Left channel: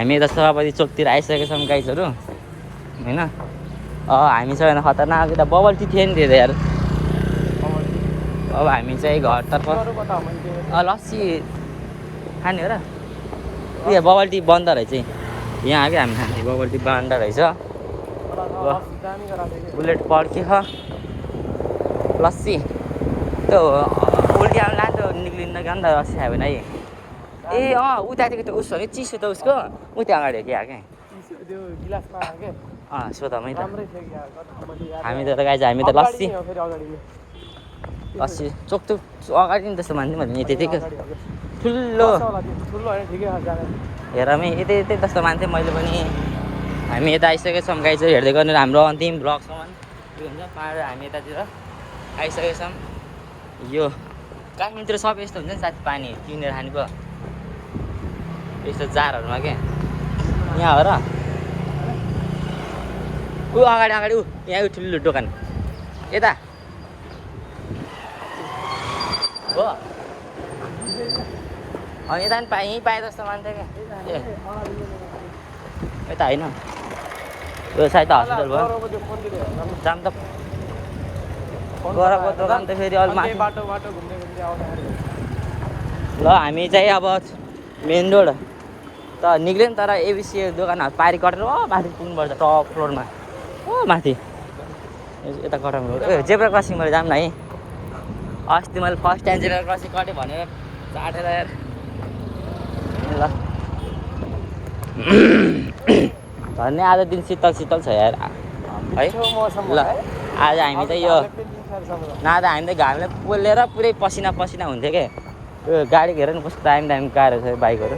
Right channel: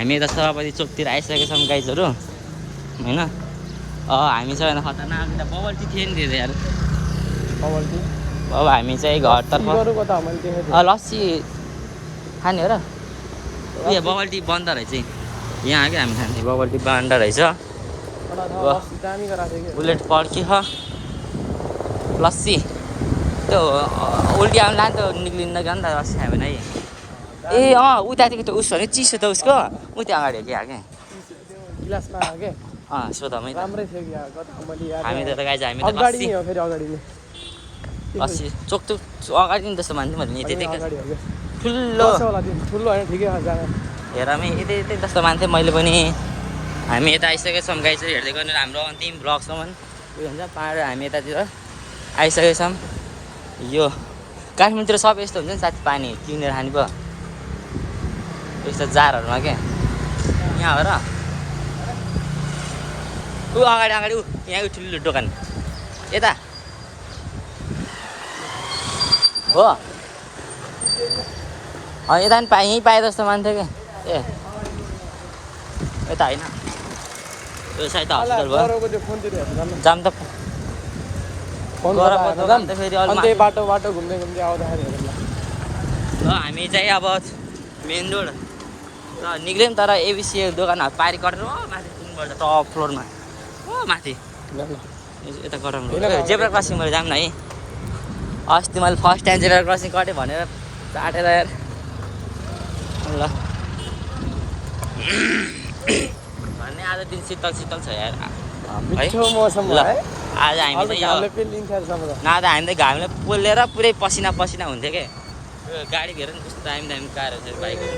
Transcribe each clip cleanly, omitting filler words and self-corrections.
हामी यता सभापति चोकतिर आइसकेका छौँ गाइजहरू होइन। हामी सबैभन्दा खतरनाक यता बबल टी थियो नि त्यो यार। अब हामी चाहिँ घरतर्फ लस्सी खाने हो र। उयो बबल टी बन्द रहेछ यहाँ क्या हामी खाने बबल टी बन्द रहेछ। बुलेट पड्क्यो लस्सी त्यो उल्टी आउनु लाग्यो निक्लिँदैन क्या नि त लस्सी खायो भने है। ए उतातिर त उसो भने चिसो त उसको उता अगाडि हो क्या सोधमै त हामी त गाइज हामी त लस्सी लस्सी चोक अगाडि नि जस्तो मान्थ्यो मैले त्यतिकै ठुलो हेरमै यतै जस्तो मान्थेँ मैले पनि। हामी यता आइसकेका छौँ गाइज हेर्दै गर्नु हाम्रो अन्तिम ब्लगसम्म के भन्छ पाहाड हामी यतातिर आइसकेका छौँ। यो काठमाडौँतिर सबै यस्तो हुन्छ नि साथी पानी किनेर खानु पो यस्तो जारहरूमा क्या यहाँ हो र अगाडि यहाँ ठुलो दोकान यता हो यता पनि यहीँ पाए जस्तो मान्थ्यो क्या ए यता होइन यो साइड त हस्पिटल भयो जाम त गरमको दोकान त फेरि अरू बाटो घुम्दै ल हामी चाहिँ अब मेन रोड त निक्ल्यौँ तर एबिसी दोकानहरू पारि कटेर माथि पुग्नुपर्छ टप फ्लोरमा माथि यता कटाउनु रोड जेब्रा क्रसिङबाट जाऊँ न है। अस्ति मैले फर्स्ट टाइम जेब्रा क्रसिङ कटेँ भनेर चाटेर यार ल भन्ने आज दिन शीतल छ यार है। ल आज हामी चाहिँ यो न त हामी त घामले पोलेर पुरै पसिना हुन्थ्यो क्या। यो गाडी हेर नि कस्तो दामी कारहरू छ बाइकहरू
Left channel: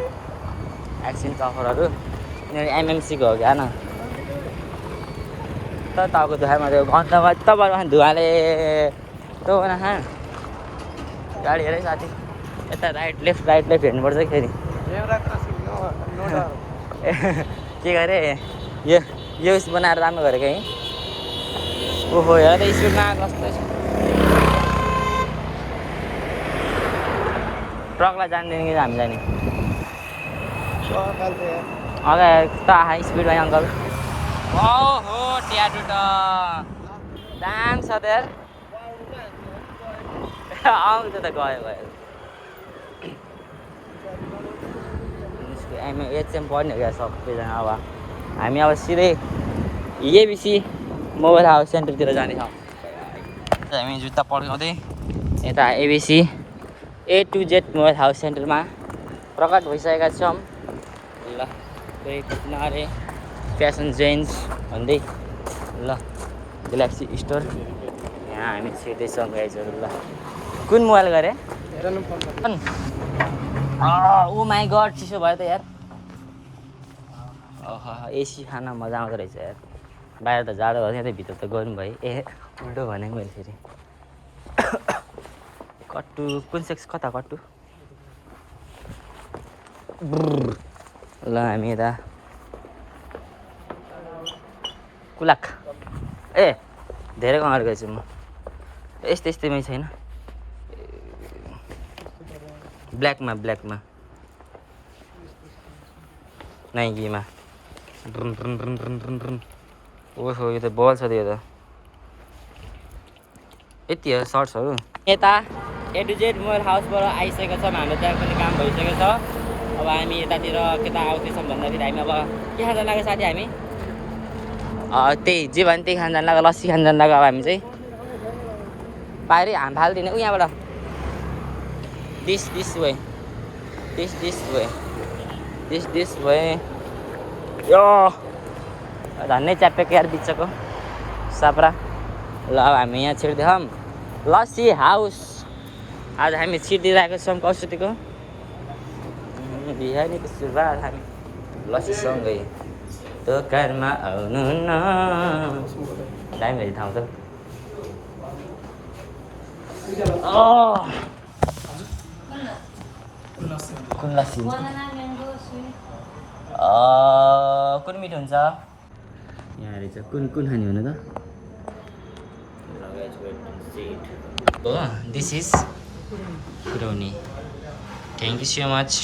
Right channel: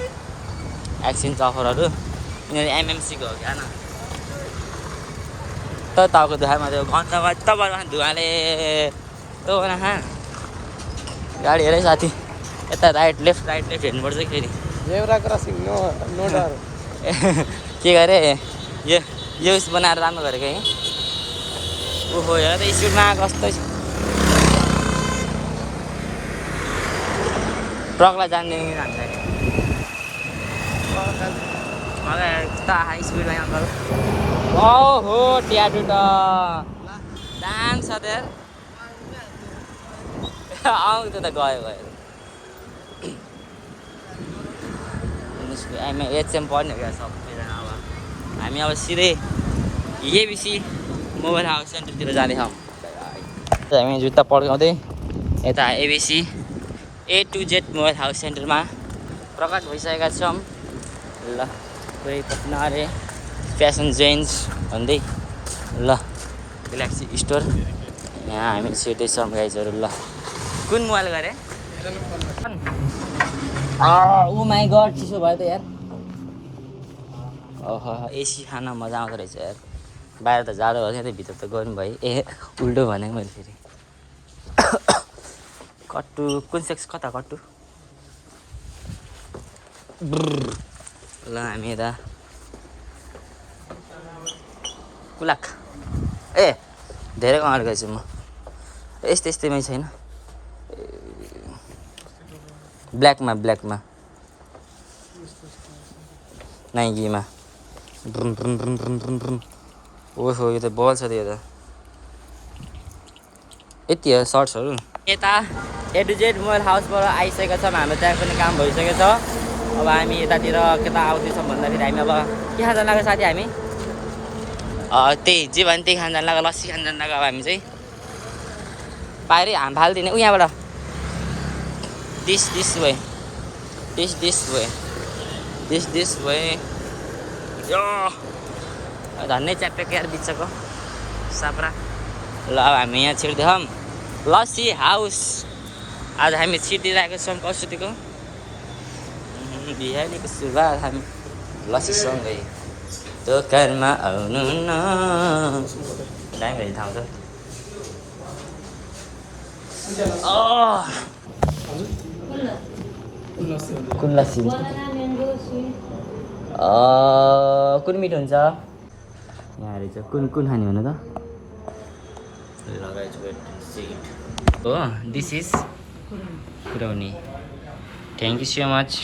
एक्सिन चफरहरू यिनीहरू एमएमसीको हो क्या न त तपाईँको धुवामा त्यो घन्टामा तपाईँको धुवाले त नखा गाडी हेरै साथी यता राइट लेफ्ट हेर्नुपर्छ फेरि के गरे यो उस बनाएर राम्रो गरेको है। ओहो हेर त स्पिडमा कस्तो ट्रकलाई जान्दैन कि हामी जाने त स्पिडमा अङ्कल हो ट्याटु त दाम छ त यार त्यो त गयो एचएम पढ्ने हो क्या सबैजना। अब हामी अब सिधै एबिसी मोबाइल हाउस सेन्टरतिर जानेछौँ। हामी जुत्ता पड्काउँदै यता ABC A to Z mobile house सेन्टरमा प्रकट भइसकेका छौँ। ल कोही पत्नारे फ्यासन जेन्स भन्दै ल ग्यालेक्सी स्टोर यहाँ हामी छिटै छौँ गाइजहरू। ल कुन मोबाइल गरे ओ माई गड चिसो भयो त यार। ओहो एसी खान मजा आउँदो रहेछ यार। बाहिर त जाडो भयो क्या भित्र त गर्नु भयो उल्टो भने मैले फेरि कट्टु कुन सेक्स कता कट्टु ल हामी यता कुलाक धेरै अगाडि गएछु म यस्तैमै छैन ब्ल्याकमा नाइकीमा ओहो यो त बल छ त्यो त यति हो सर्ट्सहरू। यता A to Z मोबाइल हाउसबाट आइसकेको छौँ। हाम्रो त्यहाँ पनि काम भइसकेको छ। अब हामी यतातिर केता आउँदैछौँ भन्दाखेरि हामी अब के खान जान लाग्यो साथी हामी त्यही जे भने त्यही खान जान लाग्यो लस्सी खान जान लाग्यो। अब हामी चाहिँ पाएरै हाम फालिदिने यहाँबाट दिस वे यो धन्नै च्यापेको यार बिचको साप्रा। ल अब हामी यहाँ छिर्दैछौँ लस्सी हाउस। आज हामी छिर्दिरहेको छौँ कसुतीको बिहानीको सुरुवात हामी लस्सीसँगै दोकानमा आउनु न टाइम हेरि ठाउँ त कुन लस्सी हुन्छ कुन मिठो हुन्छ यहाँ रहेछ कुन खाने हुनु त this is brownie. Thank you so much.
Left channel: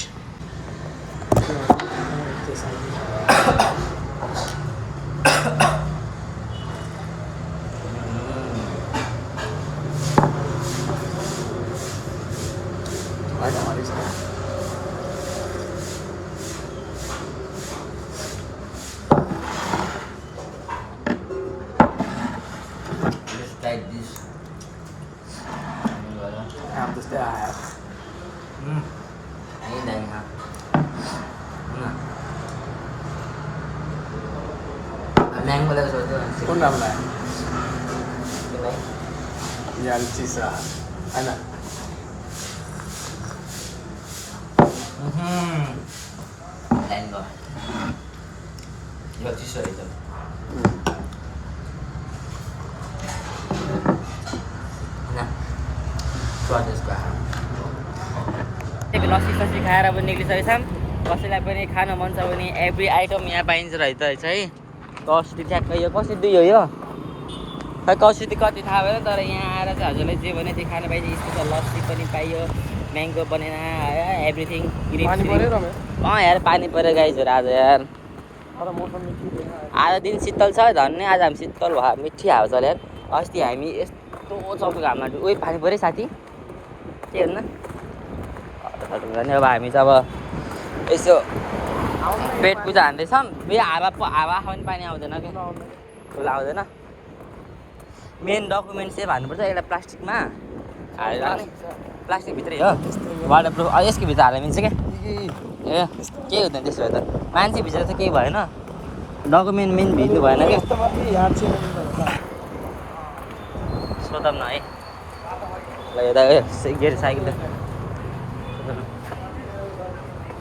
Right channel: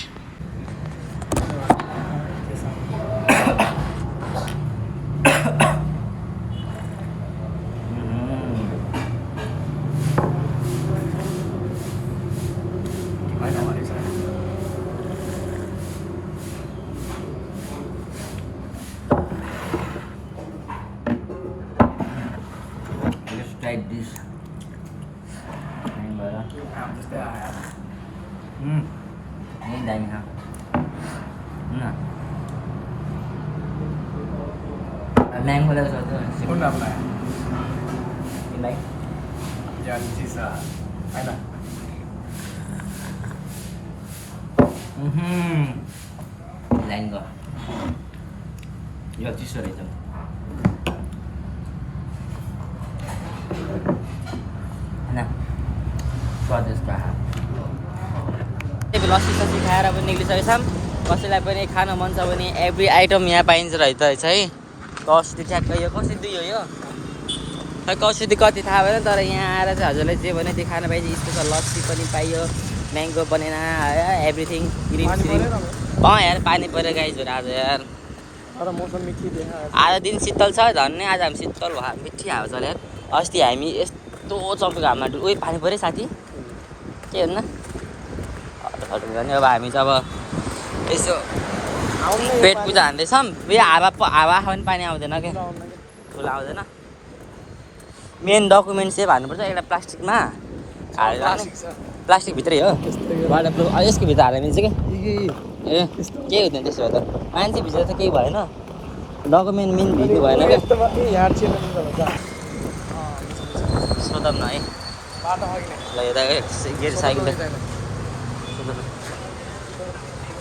Mango लगा सोचते हैं कौन नाम है कि नहीं यार चीज़ है ना मैंगो यो चिसो रहेछ होइन स्वादिष्ट आहार लस्सी सस्सी खाएर पनि निक्लिसकेको छौँ कसैलाई पनि खान मन छ भने एभ्री आइटम यहाँ पाइन्छ रहेछ है कसरी ठ्याक्क यो कसरी दियो यो खै कसरी कति थाहा भएन तर यहाँ आएर चाहिँ हजुरलाई जे भने त्यो खान पाइन्छ स्पेसल लस्सी पनि पाइयो म्याङ्गो बनेना एभ्रिथिङ क्रिम श्रिम यार पानी पऱ्यो गाइजहरू आज यार आज दिन शीतल छ झन् आज हामी शीतल भयो मिठी हावा चल्यो यार अस्ति हामी यस्तो चल्को घाममा उयो पानी पऱ्यो साथी के हुन्न हटौँ भने अब हामी चाहिँ अब यसो पेट पूजा हान्दैछौँ यो हावा पनि पानी आउँदैन क्या ठुलो आउँदैन मेन डकुमेन्ट चाहिँ भन्नुपर्छ एउटा प्लास्टिकमा हालेर प्लास्टिकभित्रै हो वाटर प्रुफ यसको भित्र हाल्न मिल्छ क्या ए केही हुँदैन त्यसो भए त मान्छे भित्र त केही भएन डकुमेन्ट मेन भिडियो भएन क्या सोधौँ न है ल यता गेट साइकल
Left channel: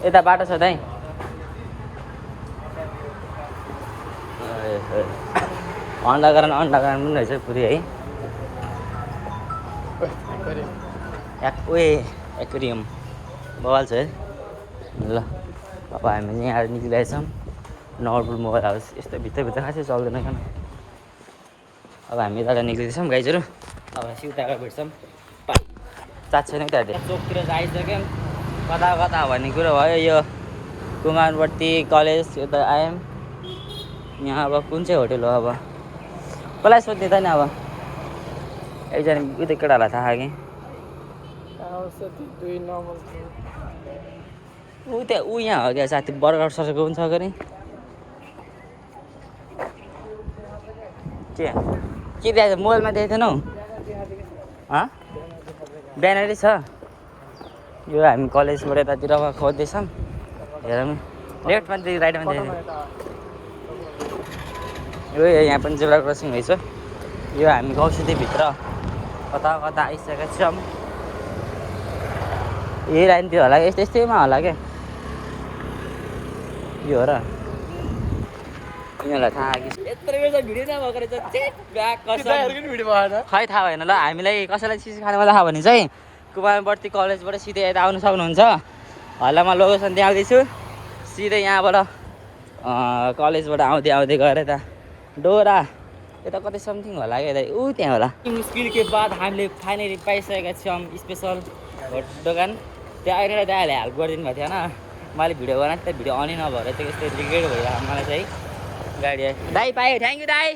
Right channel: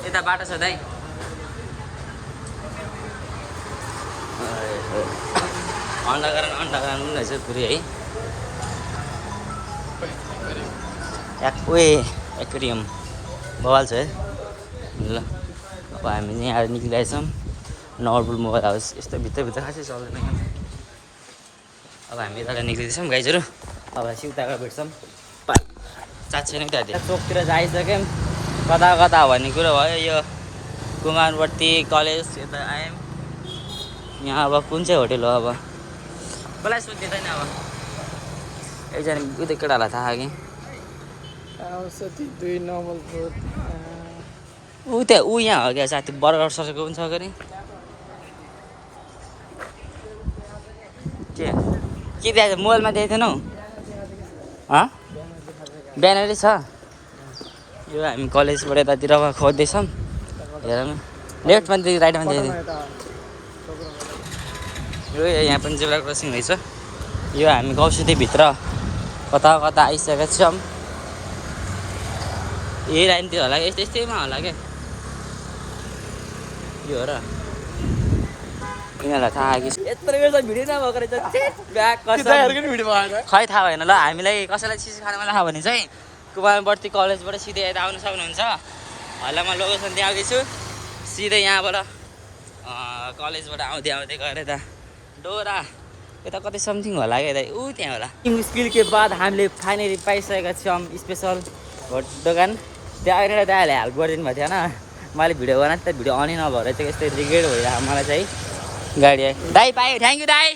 यता बाटो छ दाइ अन्डाकरण पनि रहेछ पुरै है एक्वेरियम बवाल छ है ल अब हामी यहाँ निक्लिरहेछौँ नर्बुल मोबाइल हाउस यस्तो भित्रभित्र खासै चल्दैन क्या अब हामी यता निक्लिँदैछौँ गाइजहरू अब सिउताको भेट्छौँ चाट छैन त्यहाँ चोकतिर आइसक्यौँ कता कता भन्ने कुरो भयो यो कुमारवर्ती कलेज यता आयौँ यहाँ अब कुन चाहिँ होटेल हो अब कसलाई सोध्ने त नि अब एकजना उयो केटाहरूलाई थाहा कि ऊ त्यहाँ ऊ यहाँ हो क्या साथी बर्गर ससेको पनि छ गरे के त्यहाँ मोबाइलमा देखेको थिएनौ ब्यानरै छ यो हामी कलेजबाट यतातिर खोज्दैछौँ हेरौँ लेफ्टमा देखि राइटमा देखि यो यहाँ पनि जेब्रा क्रसिङ रहेछ यो हामी गाउँसिटीभित्र कता कता आइसकेका छौँ यही लाइनतिर होला यस्तैमा होला क्या यो हो र यिनीहरूलाई थाहा कि यत्रो भिडियो नभएको रहेछ खै थाहा भएन ल हामीलाई कसैलाई चिज खानु मन लाग्यो भने चाहिँ कुमारवर्ती कलेजबाट सिधै यता आउनु सक्नुहुन्छ हल्ला म लोकेसन त्यहाँ आउँदैछु सिधै यहाँबाट कलेजबाट आउँदै गएर यता डोरा यता कतै समथिङ होला क्या यता ऊ त्यहाँ होला स्किलको बाद हामीले फाइनली पाइसकेका छौँ स्पेसल दोकान त्यहाँ अहिले दाइले हेल्प गरिदिनु भएको थिएन मैले भिडियो बनाएको त भिडियो अनै नभएर चाहिँ यस्तै रिग्रेट भइरहेको मलाई चाहिँ गाडी आयो दाइ पायो थ्याङ्क यू दाइ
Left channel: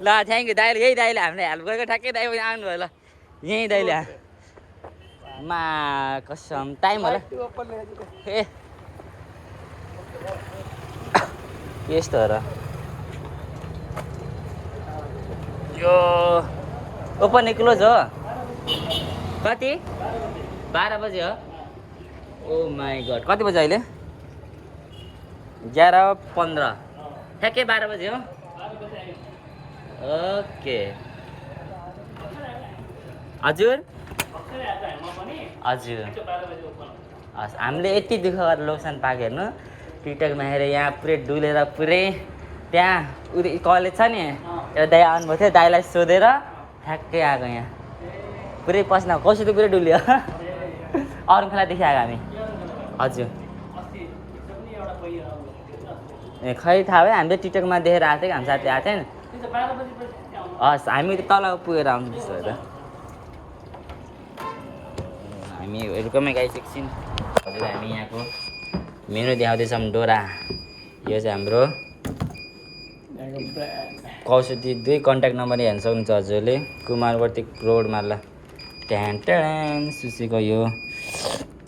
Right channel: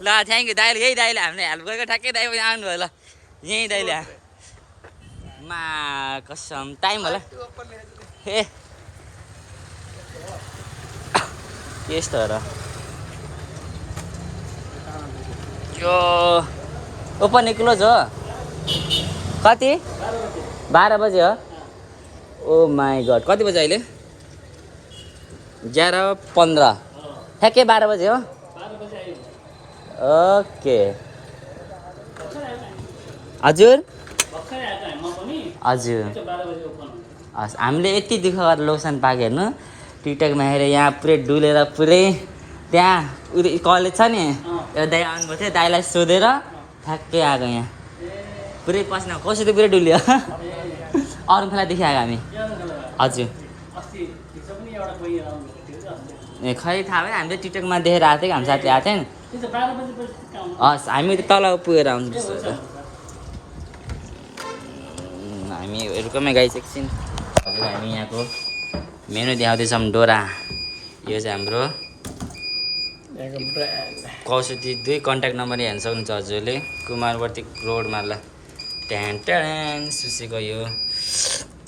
ल थ्याङ्क यू दाइले यही दाइले हामीले हेल्प गरेको ठ्याक्कै दाइ पनि आउनुभयो ल यहीँ दाइले मा कसम टाइम होला ए यस्तो हो र यो ओपन क्लोज हो कति 12 बजे हो ओ माई गड कति बजे अहिले 11:15 ठ्याक्कै 12 बजे हो ओके हजुर हजुर हस् हामीले यति दुःख गरेर लोकेसन पाएको हेर्नु टिकटकमा हेरेर यहाँ पुरै डुलेर पुरै त्यहाँ कलेज छ नि एउटा दाइ आउनुभएको थियो दाइलाई सोधेर ठ्याक्कै आएको यहाँ पुरै पस्न कसरी पुरै डुल्यो अरू खोलादेखि आएको हामी हजुर ए खै थाहा भयो हामीले टिकटकमा देखेर आएको थियो कि हाम्रो साथी आएको थियो नि हस् हामी तल पुगेर आउँछौँ त्यसो भए त हामी रुकमै गाइस एकछिन हजुर हामी यहाँको मेनु देखाउँदैछौँ डोरा यो चाहिँ हाम्रो कौशती 2 कन्ट्याक्ट नम्बर हेर्न सक्नुहुन्छ हजुरले कुमारवर्ती रोडमा ल ट्यान सुसीको यो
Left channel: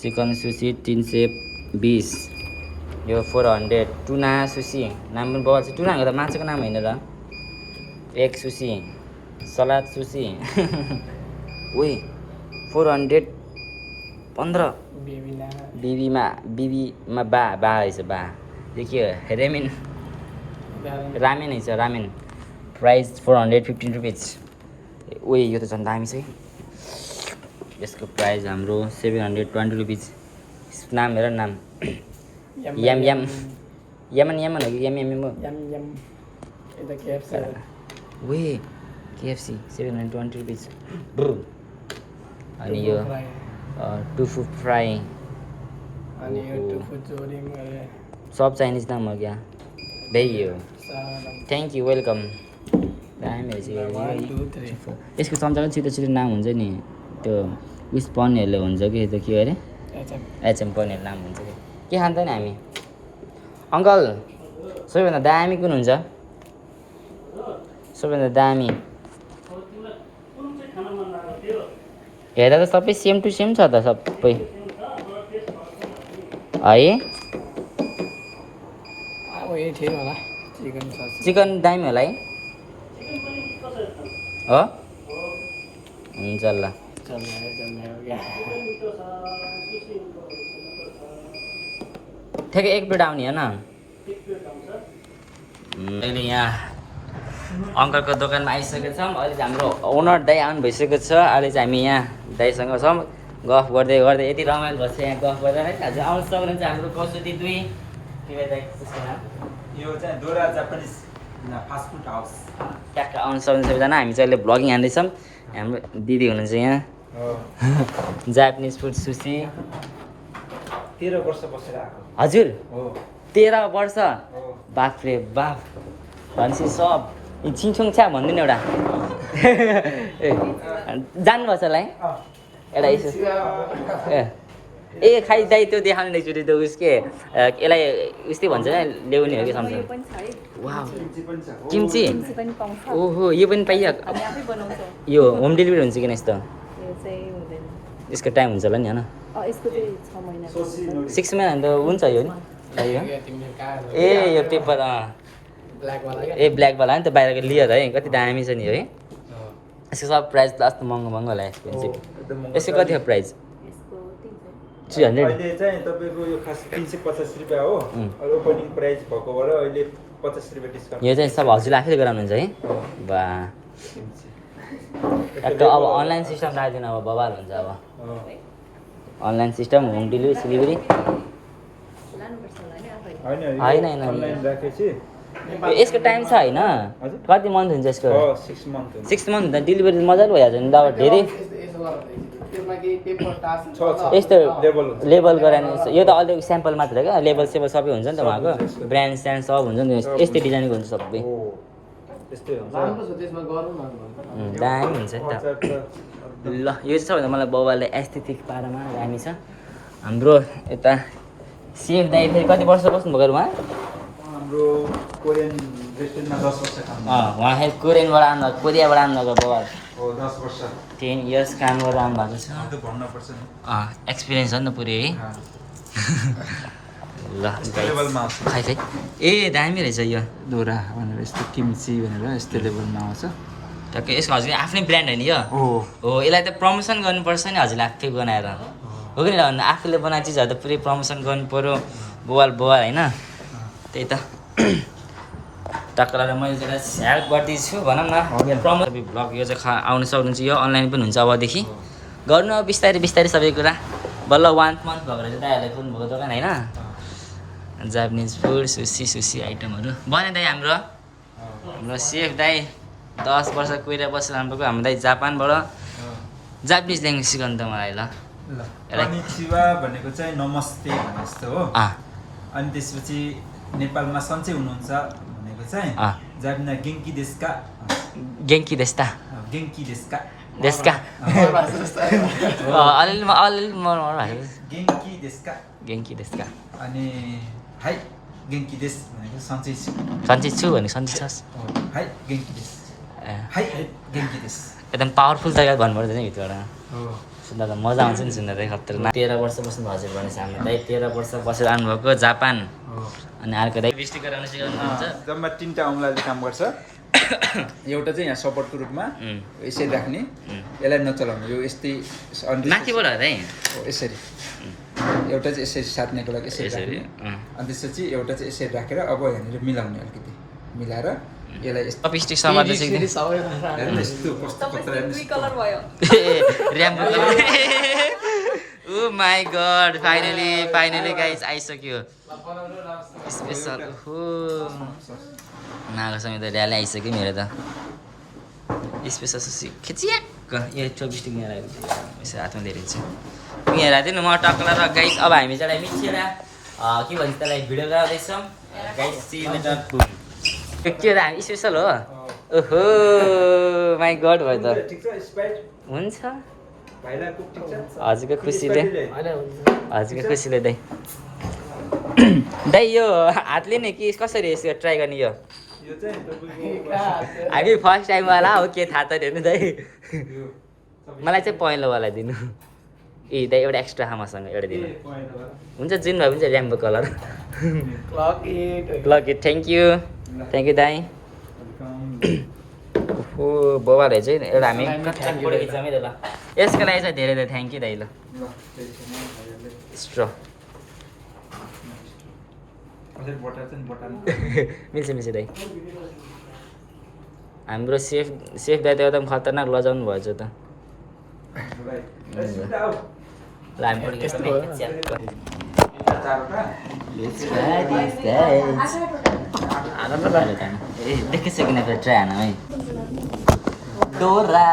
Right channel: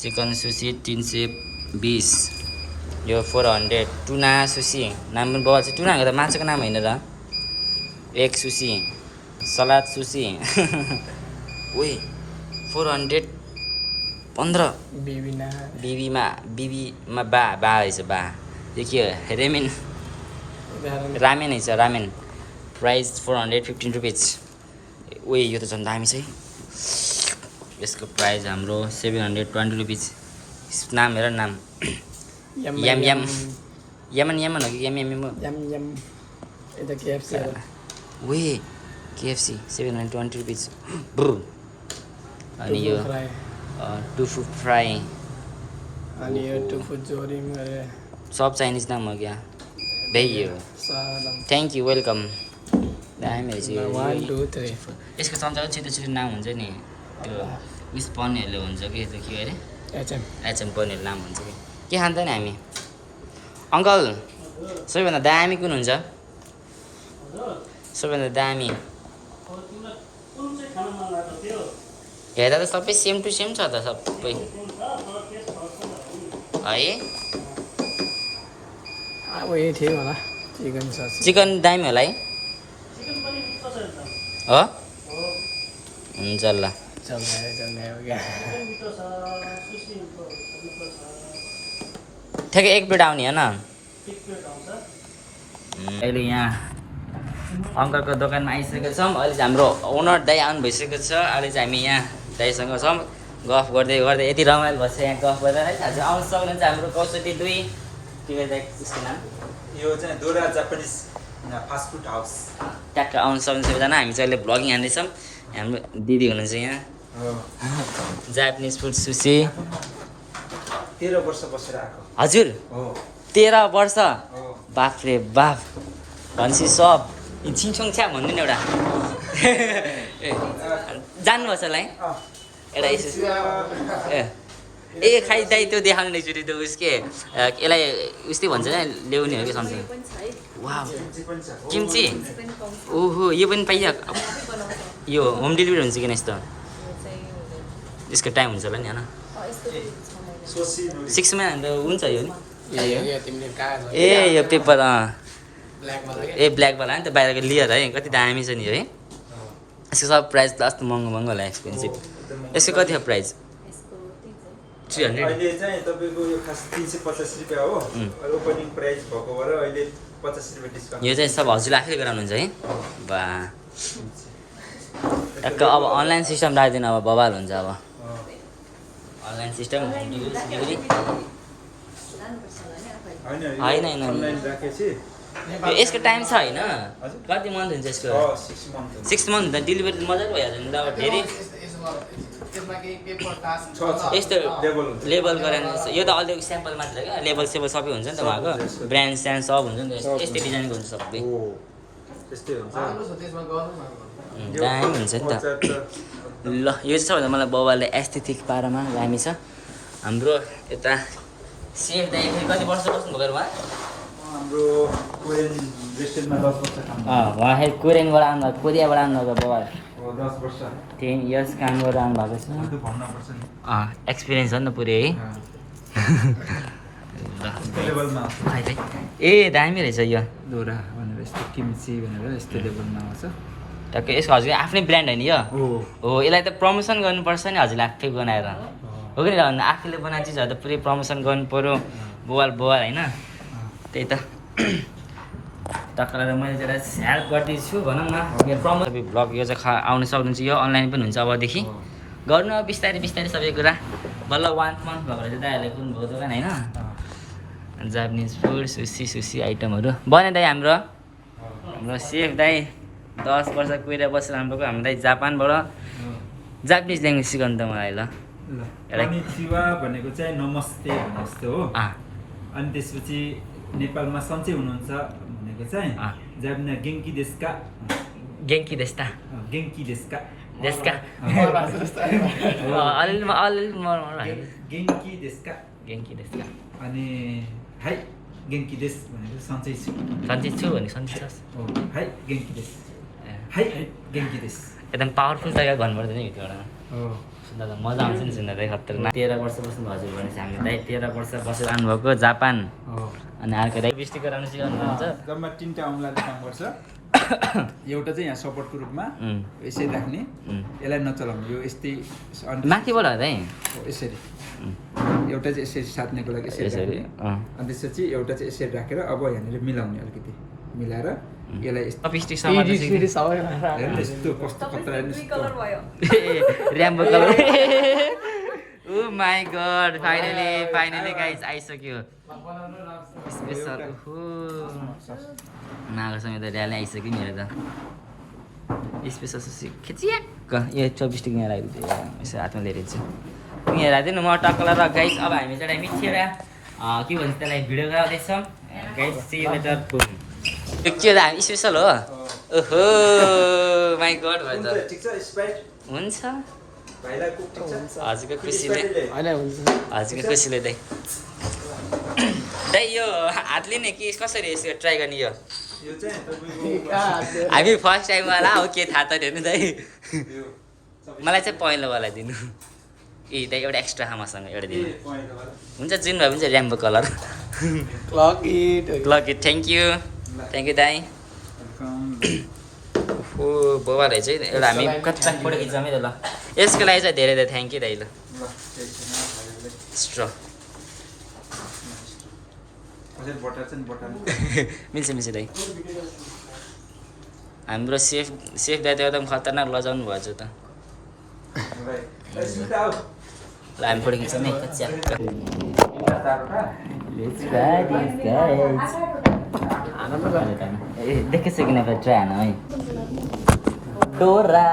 चिकन सुसी 320 यो 400 टुना सुसी नाम पनि बगाल छ टुनाको त माछाको नाम होइन र एक सुसी सलाद सुसी ओए 415 बिबीमा बा रहेछ बा यो के हो रेमिन रामेन छ रामेन प्राइस 415 रुपिज ओए यो त झन् दामी छ है यसको प्राइस हाम्रो 720 रुपिज नाम हेर नाम यम यम यमन यमन हो कि यम यम हो यम यम यता KFC ओए KFC 720 रुपिज अनि यो टुफु फ्राई अनि यो टुफु जोरिम गरे सब चाइनिज नाम हो क्या भइयो थ्याङ्क यू वेलकम दामी रहेछ यो 1 2 3 यसको चम्चाको छिटो छिटो नाम हुन्छ नि त्यो उस पनिरहरूले हुन्छ कि त्यो के अरे एचएम पनिर नाम हुन्छ कि के खान्छ नि हामी अङ्कल सबैभन्दा दामी कुन हुन्छ सबैभन्दा दामी हेर्दा त सबै सेम टु सेम छ त सबै है अब यही थियो होला चिकन सस चिकन दामी होला है हो हुन्छ ल जम्गायो क्या ठ्याक्कै एक प्लेट आउने होइन अहिले यहाँ अङ्कलको दोकानमा आइसकेका छौँ अहिले चाहिँ हाम्रो ओनर दाइ आउनु भइसकेको छ अहिले चाहिँ हामी यहाँ दाइसँग छौँ गफ गर्दै गर्दै यति रमाइलो भएछ यहाँ गफ गर्दा है आज आउनु सक्नुहुन्छ हाम्रो 62 के दाइ उसको नाम यो चाहिँ दोरा जापानिज फास्ट फुड हाउस ट्याक्क आउनु सक्नुहुन्छ सबैजना हामी चाहिँ अहिले भ्लगिङ हान्दैछौँ हाम्रो दिदी हुनुहुन्छ यहाँ हो जापानिज फुड सुसी 13 वर्ष बसेर आएको हजुर हो 13 वर्ष हो बाफ रे बाफ भनेपछि सब छिङछुङ छ्या भन्नु नि एउटा ए जान्नुभएको छ होला है एउटा यसो ए खाइ दाइ त्यो देखाउने एकचोटि त्यो उस के यसलाई उस्तै भन्छ नि ल्याउने हो कि सम्झ वाह किम्ची ओहो यो पनि पाइहाल्यो यो होम डेलिभरी हुन्छ किन यस्तो यसको टाइम हुन्छ होला नि होइन 6 महिना त हुन्छ यो नि यो तिमीले कहाँ ए यो पेपर ब्ल्याक वाला ए ब्ल्याकवाला नि त बाहिरको लियर है कति दामी छ नि है यसको सब प्राइस त अस्ति महँगो महँगो होला एक्सपेन्सिभ यसको कति हो प्राइस 300 अहिले चाहिँ तपाईँको यो खास 350 रुपियाँ हो अहिले ओपनिङ प्राइस भएको भएर अहिले 50 रुपियाँ डिस्काउन्ट यो चाहिँ सब हजुरले आफैले गराउनुहुन्छ है बा टक्क अब अनलाइन सिस्टम राखिदिनु अब बवाल हुन्छ अब अनलाइन सिस्टम होम डेलिभरी सिलिभरी होइन, होइन। अनलाइन राखेपछि यसको टाइम छ होइन कति मन्थ हुन्छ यसको 6 मन्थ 6 मन्थ हुन्छ डेलिभरी मजाले भइहाल्छ नि अब धेरै यस्तो लेभल हुन्छ लेबल गराएर यो त अलिक स्याम्पल मात्र हो क्या लेबल सेबल सबै हुन्छ नि त उहाँको ब्रान्ड स्यान्ड सब हुन्छ नि यस्तै डिजाइनको हुन्छ सबै हो त्यस्तै हुन्छ दामी हुन्छ नि त ल यो चाहिँ सबभन्दा मलाई बाउले एस्थेटिक पारामा दामी छ हाम्रो यता सेफ दाइ फेरि कति वर्ष बस्नुभएको उहाँ हाम्रो कोरियन रेस्टुरेन्टमा 10 वर्ष काम उहाँ फेरि कोरियनबाट आउनुभएको कोरियाबाट आउनुभएको बाउ हो 10 वर्ष 10 इयर्स काम गरेर आउनुभएको छ त्यो भन्नुपर्छ नि एक्सपिरियन्स हो नि त पुरै है ल त्यो लेभलमा खाइ खाइ ए दामी रहेछ यो दोरा भनेर यस्तो किम्ची भनेर यस्तो लेभलमा आउँछ टक्कै यसको हजुर आफ्नै ब्रान्ड होइन यो हो यसलाई त प्रमोसन गर्नुपर्छ नि हजुरले आफै बनाएर हो कि भन्नु आफूले बनाएको चिजहरू त पुरै प्रमोसन गर्नु पऱ्यो बोवाल बोवाल होइन त्यही त टक्कलाई मैले चाहिँ हेल्प गर्दैछु भनौँ न मेरो प्रमोट ब्लग यो चाहिँ आउनु सक्नुहुन्छ यो अनलाइन पनि हुन्छ अबदेखि गर्नु अब बिस्तारै बिस्तारै सबै कुरा बल्ल 1 मन्थ भएको रहेछ दाइहरूले खोल्नु भएको दोकान होइन जापानिज फुड सुसी सुसी आइटमहरू बने दाइ हाम्रो सेफ दाइ 10 वर्ष कोरिया बसेर आउनुभएको हाम्रो दाइ जापानबाट जापानिज ल्याङ्ग्वेज सिकाउनु त मलाई ल कनिचिवा भनेको चाहिँ नमस्ते भने जस्तो हो अनि त्यसपछि नेपालमा सन्चै हुनुहुन्छ भनेको चाहिँ जापानिज गेङ्की देशका गेङ्की देस्ता गेङ्की देशका देशका अलिअलि गेङ्की देशका गेङ्की देशका अनि हाई गेङ्की देश भनेको सन्चै छु सन्चै छु भने सन्चै छस् हो हाई गेङ्की देश हाई गेङ्की देश एकदम पावरफुल जग्गा भन्नुपर्दैन नि भित्रबाट हो सुन्दा त मजा आउँछ नि सुन्दा चाहिँ खतरनाक 13 वर्ष बस्नु हजुर भनेपछि हाम्रो दाइ 13 वर्ष बसेर आउनुभएको जापान अनि अर्को दाइ बिस्टी गराउन सिकाउनुहुन्छ जम्मा 3टा औँलाले काम गर्छ एउटा चाहिँ यहाँ सपोर्टको रूपमा यसरी राख्ने यसलाई नचलाउने यो यस्तै माथिबाट हो दाइ यसरी एउटा चाहिँ यसरी साट्नेको लागि यसरी यसरी अनि त्यसपछि एउटा चाहिँ यसरी राखेर अब यहाँनिर मिलाउने अलिकति मिलाएर यसलाई यस्तो चपस्टिक समात्नु चाहिँ हेर्नु न यस्तो कस्तो कत्रा हेर्नु कलर भयो rainbow colour oh my god finally guys आइसक्यो स्पेसल ओहो माघ समय त ड्यालै आइसक्यो मेरो त स्पेसल खिचियाक यो चपस्टिक यहाँ राखेको यसो हातमा लिएर छु यहाँ राख्दैन म टक्कला र गाइस अब हामी चाहिँ एउटा मिक्सेर के भन्छ त्यसलाई भिडियो गराउँदैछौँ गाइस सी यु लेटर के हो त हामी स्पेसल हो ओहो माई गड भयो त ठिक छ स्प्राइट हुन्छ भाइलाई कुक ठिक छ हजुरको खुसीले हजुरको खुसीले दाइ दाइ यो हातले नै कि कसरी यसो ट्राई गर्ने यो यो चाहिँ तपाईँको हामी फर्स्ट टाइम वाला हो के थाहा त हेर्नु दाइ मलाई चाहिँ पहिलोवाला दिनु ए दाइ एउटा एक्स्ट्रा मसँग एउटा दिनु हुन्छ जुन भए पनि चाहिँ rainbow colour click it thank you दाइ ओहो बोबाले चाहिँ एउटा हामी कच्चा फोटो खिच्छौँ है त ल यसको लागि चाहिँ धेरै धेरै थ्याङ्क यू दाइ ल स्ट्र कसरी बटर चाहिँ बटर मिल्छ दाइ हाम्रो सेफ दाइ त एकदम खतरनाक लजाउनु भएछ त ल हामी फोटो खिच्छौँ है ए देखेछ कि न फेरि ट्राई हान है डोरा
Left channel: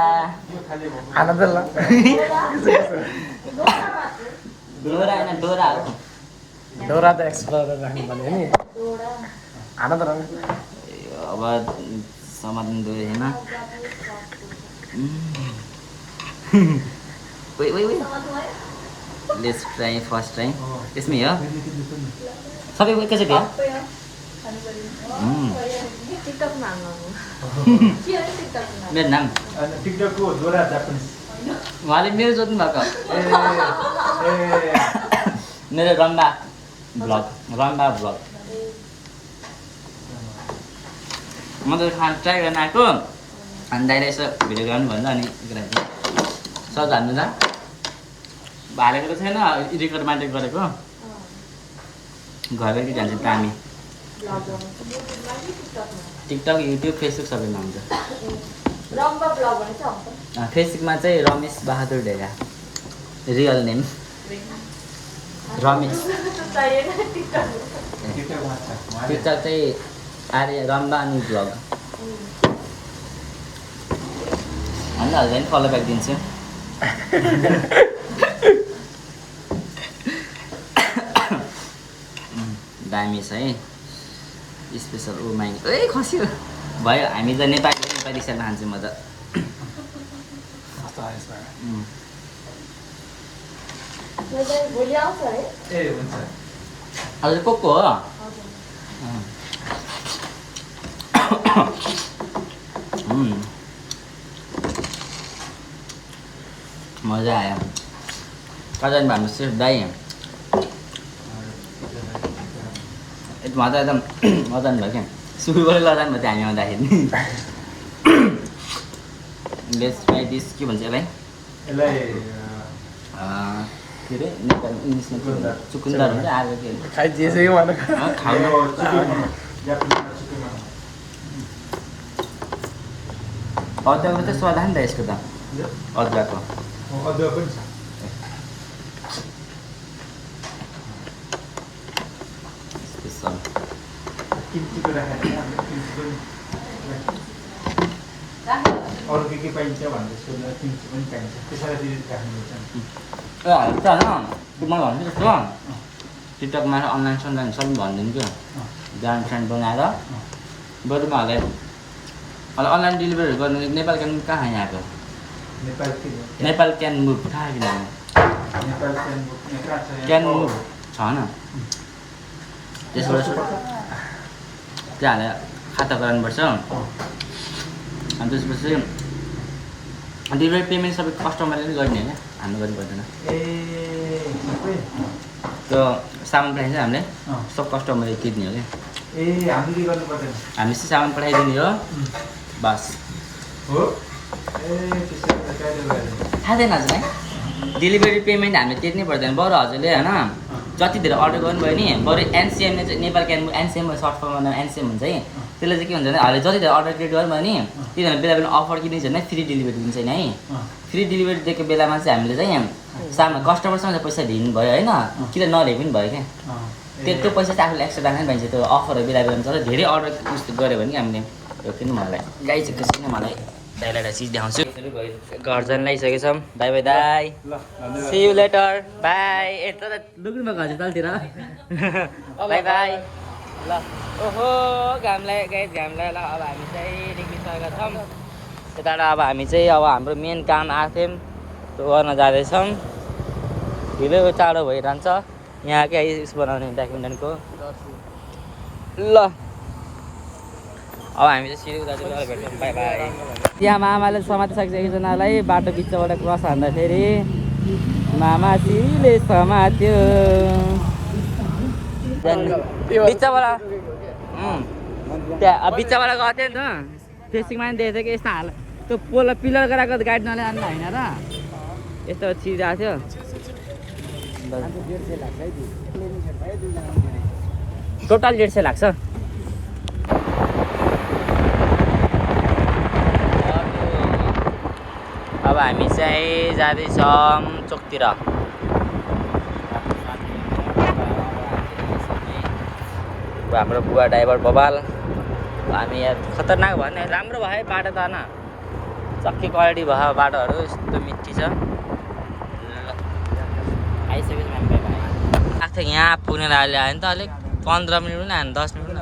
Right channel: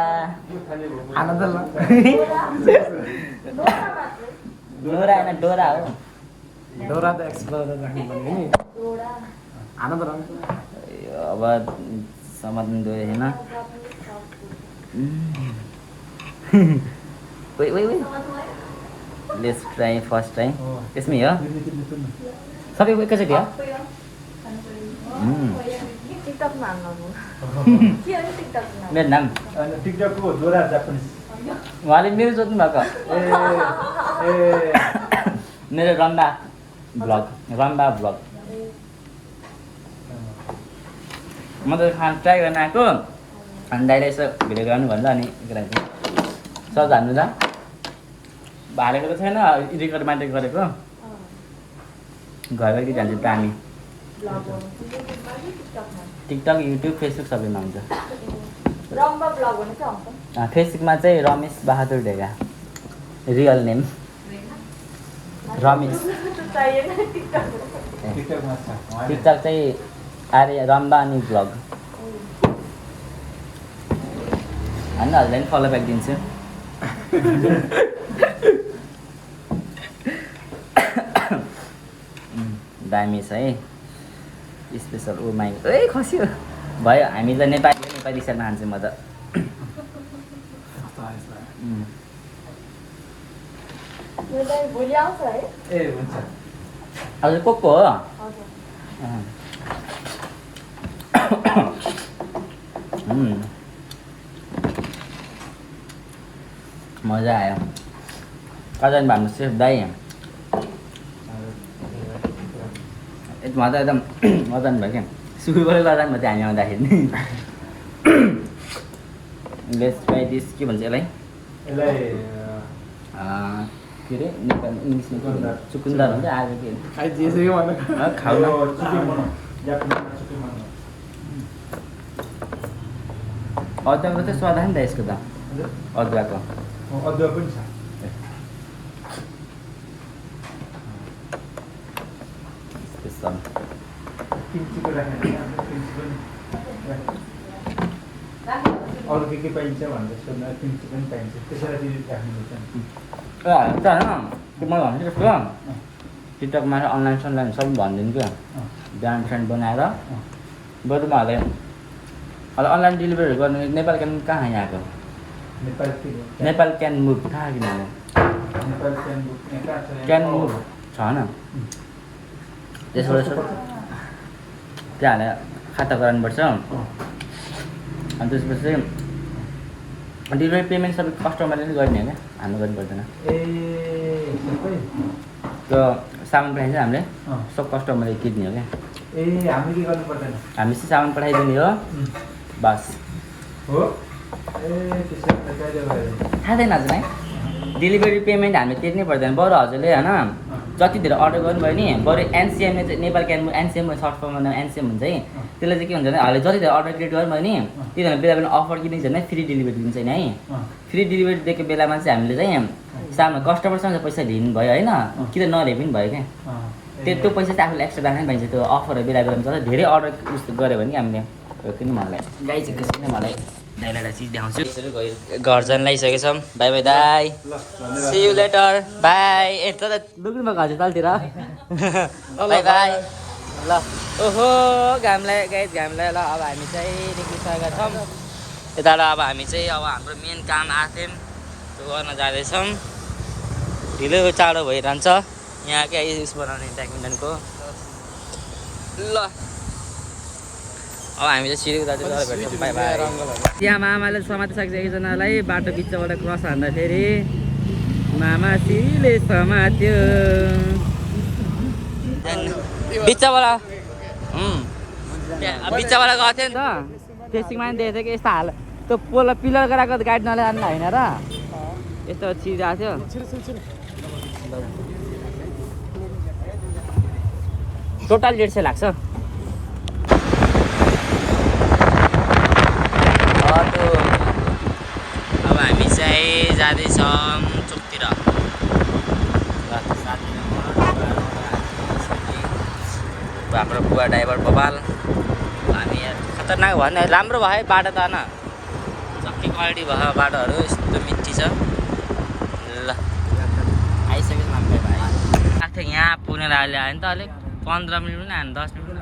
डोरा होइन डोरा हो डोरा त एक्सप्लोर राख्नु पर्ने नि आनन्द अब समात्नु गयो होइन लेट्स ट्राई फर्स्ट टाइम यसमै हो सबै एकैचोटि हो मेरो नाम टिकटकको डोरा जापानिज उहाँले मेरो जोत्नु भएको मेरो रम्बा भ्लग म त खान ट्राई गर्न आएको अनि दाइलाई यसो भिडियो गराउनु भन्छ अनि सज हान्नु त भालेको त छैन रेकर्ड मात्रै गरेको घर घरकी जान्छ दामी टिकटक युट्युब फेसबुक सबैमा हुन्छ फेसबुकमा चाहिँ Ramesh Bahadur Dhega real name Ramesh TikTok चाहिँ आर्य रम्बा अनि भ्लग होइन हल्दा पनि फलो ब्याक दिन्छु दामी छ है स्पेसल ओ माइ ए खस्यो भयो हामी त नेपाली स्टाइलमा खान्छौँ म त ए हुन्छ हजुर को हो मजा आयो कता भन्नु सेफ दाइ उहाँ त एकदम लजान भयो क्या सुरुबाट लजान भयो हामी आउँदाखेरि लेट्स ट्राई दिस के भन्छ यसलाई के अरे नेपालमा इङ्ग्लिसमा के भन्छ चुकुन्दर हुन्छ आएको के खाइदिएछ कि खाउन अदुवाको त स्वाद नि त यसको त अदुवाको अदुवा पनि छ स्पेसल किम्चीको राखेको किम्ची पनि अरू के पाइन्छ भनेर सोध्दा किम्ची पनि पाइन्छ त्यसरी राख्नुपर्छ होइन मैले भन्छु जस्तो टिकटकमा अनलाइन सनलाइन सबै भनिदिन्छु ब्रान्ड फ्रेन्ड बनाएर बरुमाहरूलाई अनलाइन डेलिभरी गर्ने नेपाल क्यान कहाँ यहाँको नेपाल क्यान मुभ कहाँ किनभने क्यान मुभ छ न त्यसबाट त्यहाँ हालेर खाता गराउनुपर्छ अनि त्यसपछि चाहिँ डेलिभरी पेमेन्ट सबै कस्टमरले नै गर्ने होइन हाम्रो गर्नु पर्दैन त्यो सामान पठाइन्छ हामीले सब कस्टमरले तिर्ने हो क्या हामीले के गर्नु पर्दैन हामीले चाहिँ सामान पठाइदिने हो बस हो त्यसो थाहा छैन हजुरलाई डेलिभरी पेमेन्ट हामीले तिर्नै पर्दैन बरु हजुरले होइन जति धेरै अर्डर गर्नुभयो नि बरु एनसिएमले चाहिँ नेपाल क्यान एनसिएम सर्ट फर्ममा एनसिएम हुन्छ है त्यसले चाहिँ के हुन्छ भने हामीले जति धेरै अर्डर क्रिएट गर्नुभयो नि त्यति बेला बेला अफर के दिन्छ भने फ्री डेलिभरी दिन्छ नि है फ्री डेलिभरी दिएको बेलामा चाहिँ हामीले चाहिँ सामने कस्टमरसँग पैसा लिनु भयो होइन कि त नलिए पनि भयो क्या त्यो पैसा चाहिँ आफूले एक्स्ट्रा राख्नै पाइन्छ त्यो अफरहरू बेला बेलामा चल्छ धेरै अर्डर उस्तो गऱ्यो भने कि हामीले त्यो किन मलाई गाई चाहिँ कसरी मलाई दाइलाई चिज देखाउँछु घर जान लागिसकेको छौँ बाई बाई दाई सी यु लेटर बाई ए त लुग्नु भएको हजुर तलतिर बाई बाई ल ओहो घामलाई गाई घामलाई ल अब हामी चाहिँ निस्किसकेका छौँ यताबाट अब हामी चाहिँ अब हाम्रो मेन काम आथेम त्यो गर्न जाँदैछौँ ढिलो चाँडो भइरहन्छ यहाँ क्या उस बनाउने ब्याडमिन्टनको ल अब हामी चाहिँ सिडी उतातिर गएर भेट्छौँ बाई बाई त्यहाँ मामाले समातिसकेको एकजनालाई बाटो बिचबाट क्रस हान्दाखेरि मामा सिरीले समात्यो बिचबाट त्यहाँ बिचबाट गएको थियो नि त फेसिङमा पनि देखेको थियो कि यस्तो हाल त्यो पोल पिलर गराएको गाडी नल्यानु होइन र यस्तो छिरिरहेको थियो टोटल 150 लाग्छ अब हामी चाहिँ जाँदैछौँ चोकतिर हाम्रो बुवा ड्राइभर बबाल हामी यहाँ खतरनाक भयो नि राम्रो भयो बाटो त होइन चक्की क्वालिटी भयो बाटोहरू यस्तो मिठी छ ल आइसकेको छ हामी भाइ आएको थियो यहाँ पुगेर अहिले आयो नि त अलिक 15 मिनट पनि आएन 10 मिनट पनि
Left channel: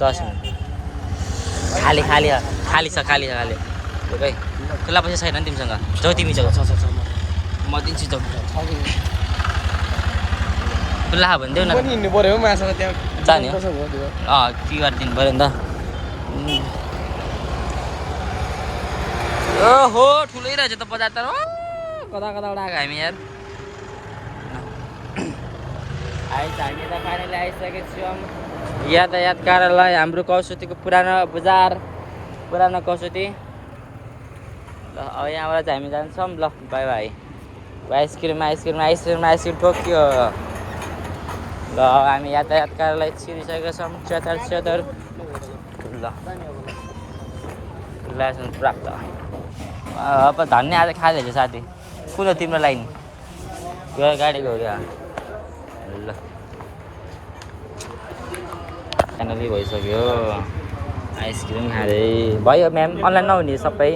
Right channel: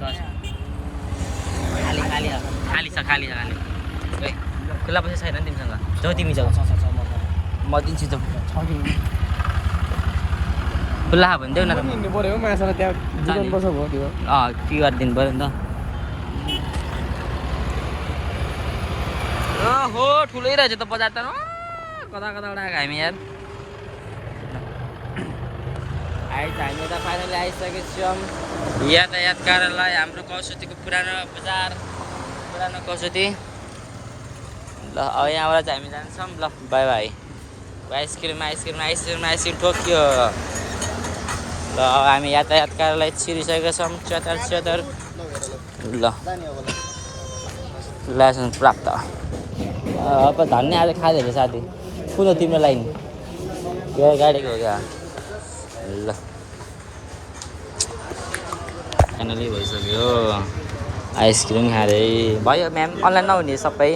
10 मिनट खाली खाली खाली छ खाली छ खाली खै खुल्ला पैसा छैन नि तिमीसँग जाऊ तिमी जाऊ म दिन्छु जाऊ खुल्ला भने देऊ न जाने के गरिदिनु पऱ्यो नि त ओहो ठुलै रहेछ त बजार त कता कताबाट आएको हामी यार आइज हामी त फाइनली आइसकेको छौँ यातायात कार्यालय हाम्रो कौसुतीको पुरानो बजार पुरानो कौसुती ल अब यहाँबाट चाहिँ हामी जान्छौँ ल bye bye ice cream ice cream ice cream ice cream ठोक्यो ल हामी यातायात कार्यालय छिरिसकेका छौँ च्यातर ल लाइसेन्स प्राप्त अब धन्य आज खाली छ साथी कुन तिम्रो लाइन गाडीको हो क्या ल फाइनली भइसक्यो आइसक्रिम खाँदै भयो म्याम अनलाइन नहुने सबै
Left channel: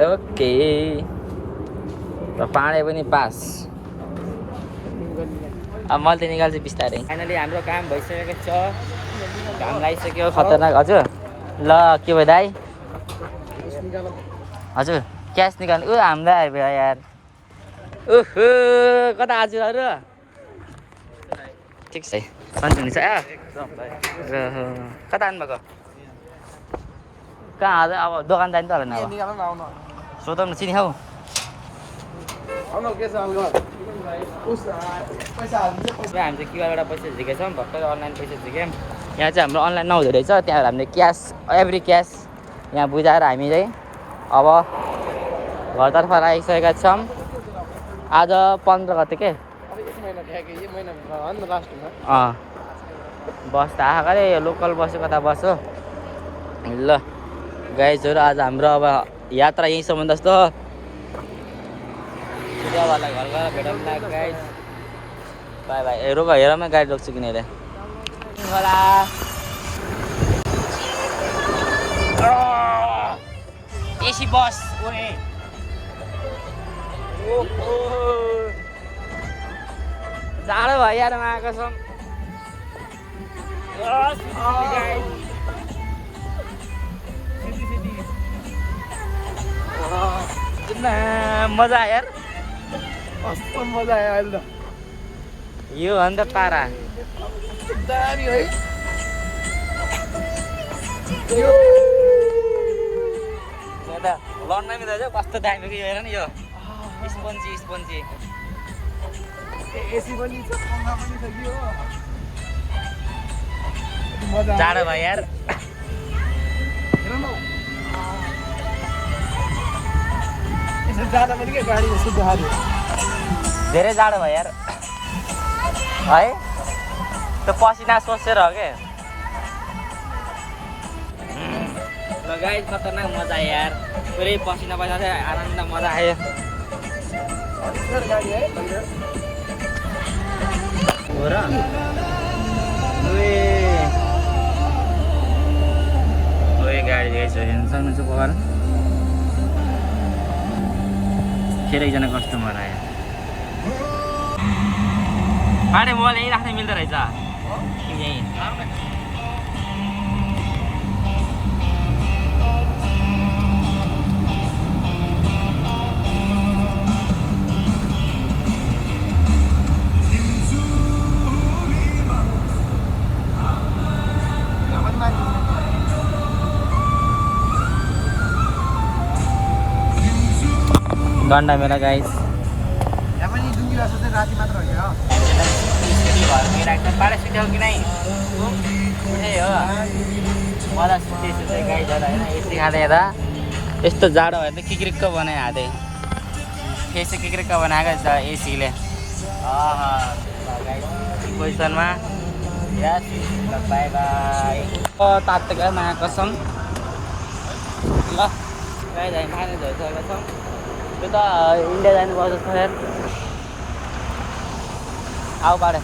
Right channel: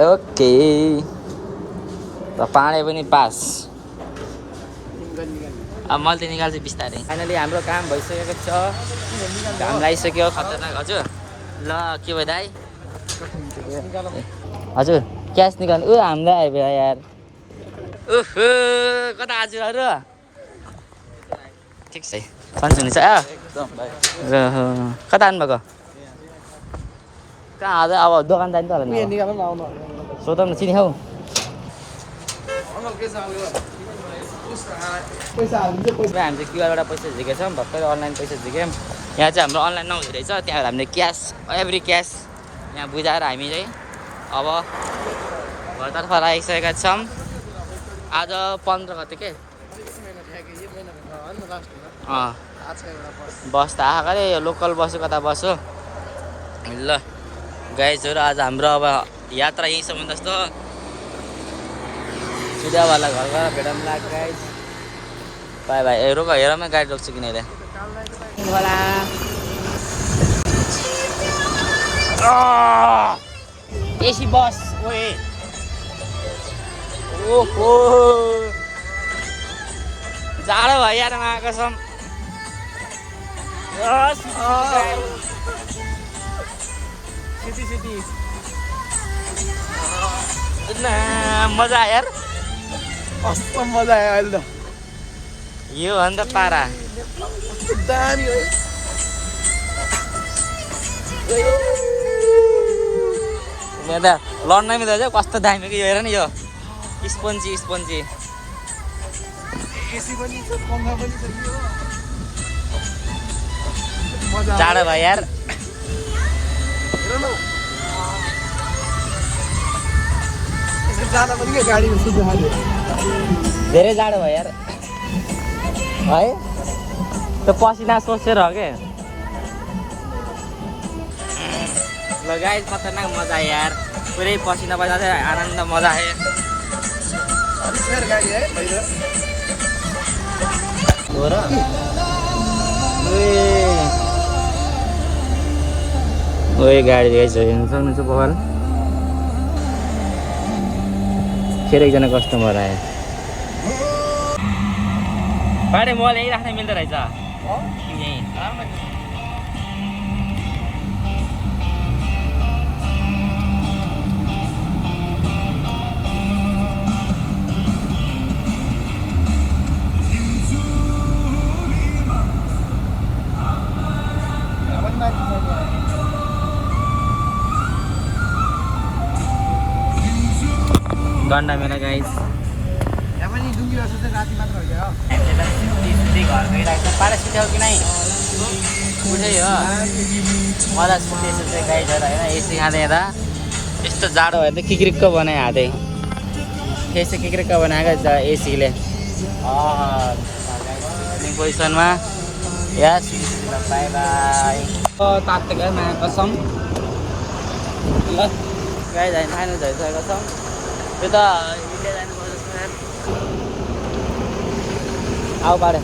ओके र पानी पनि पास अब मैले त निकाल्छु बिस्तारै फाइनली हाम्रो काम भइसकेको छ घाम लागिसक्यो खतरनाक हजुर ल के भयो दाइ हजुर क्यास निकाल्नु हामीलाई आइपुग्यो यार ओहो कता हजुरहरू ठिक छ सन्चै हुनुहुन्छ कता आउनुभएको कहाँ आज अब दोकान जाने त होला सोधौँ न चिनी खाऊ हामी चाहिँ क्युआरबाट पैसा झिकेको छौँ भर्खर अनलाइन पैसा झिक्यौँ यहाँ चाहिँ हाम्रो अनलाइन नहुँदो रहेछ त्यहाँ हामीले क्यास एभ्री क्यास यहाँ बुझाएर हामी चाहिँ अब घरतर्फ लागिसकेका छौँ आज 15 गते के बस त आएको अरे लोकल बस्यो कता बस्यो ल गाइजहरू आज हाम्रो अब यात्रा यहीँसम्म जस्तो सिधावाला घर गएर भेटौँ ला गाइज बाई बाई रोक हेरमै गाडी रोक्छु किन अहिले एसी बस ओए ओहो जाडो भयो यार आएको छौँ मजा आयो यार कस्तो मजा आयो अहिले त यो हो नि त पारा लड्नै मिल्छ कस्तो दामी यो हेर नि यो स्पन्जी स्पन्जी एसी पनि छ पंखा पनि छ यो मजा जाडो भयो यार हेर न जाडो पनि के गाडीमा सुत्नु थाल्यो धेरै जाडो भयो यार है त्यो पसिना सोचेर हो क्या ल गाइस खतरनाक मजा आयो यार पुरै पसिना बजाएर आनन्द मजा आयो हो र ओए गाडी रहेछ हेर्नु सक्नुहुन्छ पखाल फेरि एकजना कस्टमर आयो बाटे मोबाइल यहीँ राख्न मिल्दो रहेछ यहीँ गन्डा मेला गाइस घरमै राख्छ पाडा सुत्यो कि नै उसै हो मजा सुत्दै सुत्दै गाई झर होइन एसी खाँदै हेर्दा यस्तो जाडो भयो त किक्रिक्क बनायो हातै फेस किक्रिक्क बनाएको छ एसीले पोजिसनमा यस ल बाई बाई तातो गयो माया कसम ल गाई जाने फाइनल भइसकेको छ त्यो त इन्डिया जानुपर्छ जस्तो यार आऊ बाड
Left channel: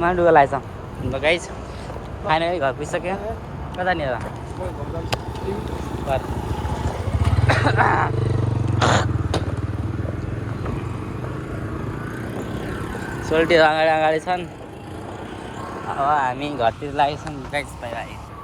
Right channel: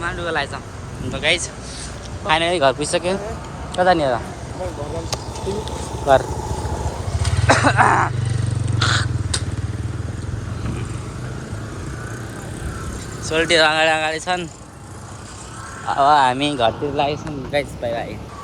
माडुको लागेछ अन्त गाइस फाइनली घर पुगिसक्यो कतानिर घर सोल्टीहरू अगाडि अगाडि छन् अब हामी घरतिर लागेछौँ गाइस बाहिर आयो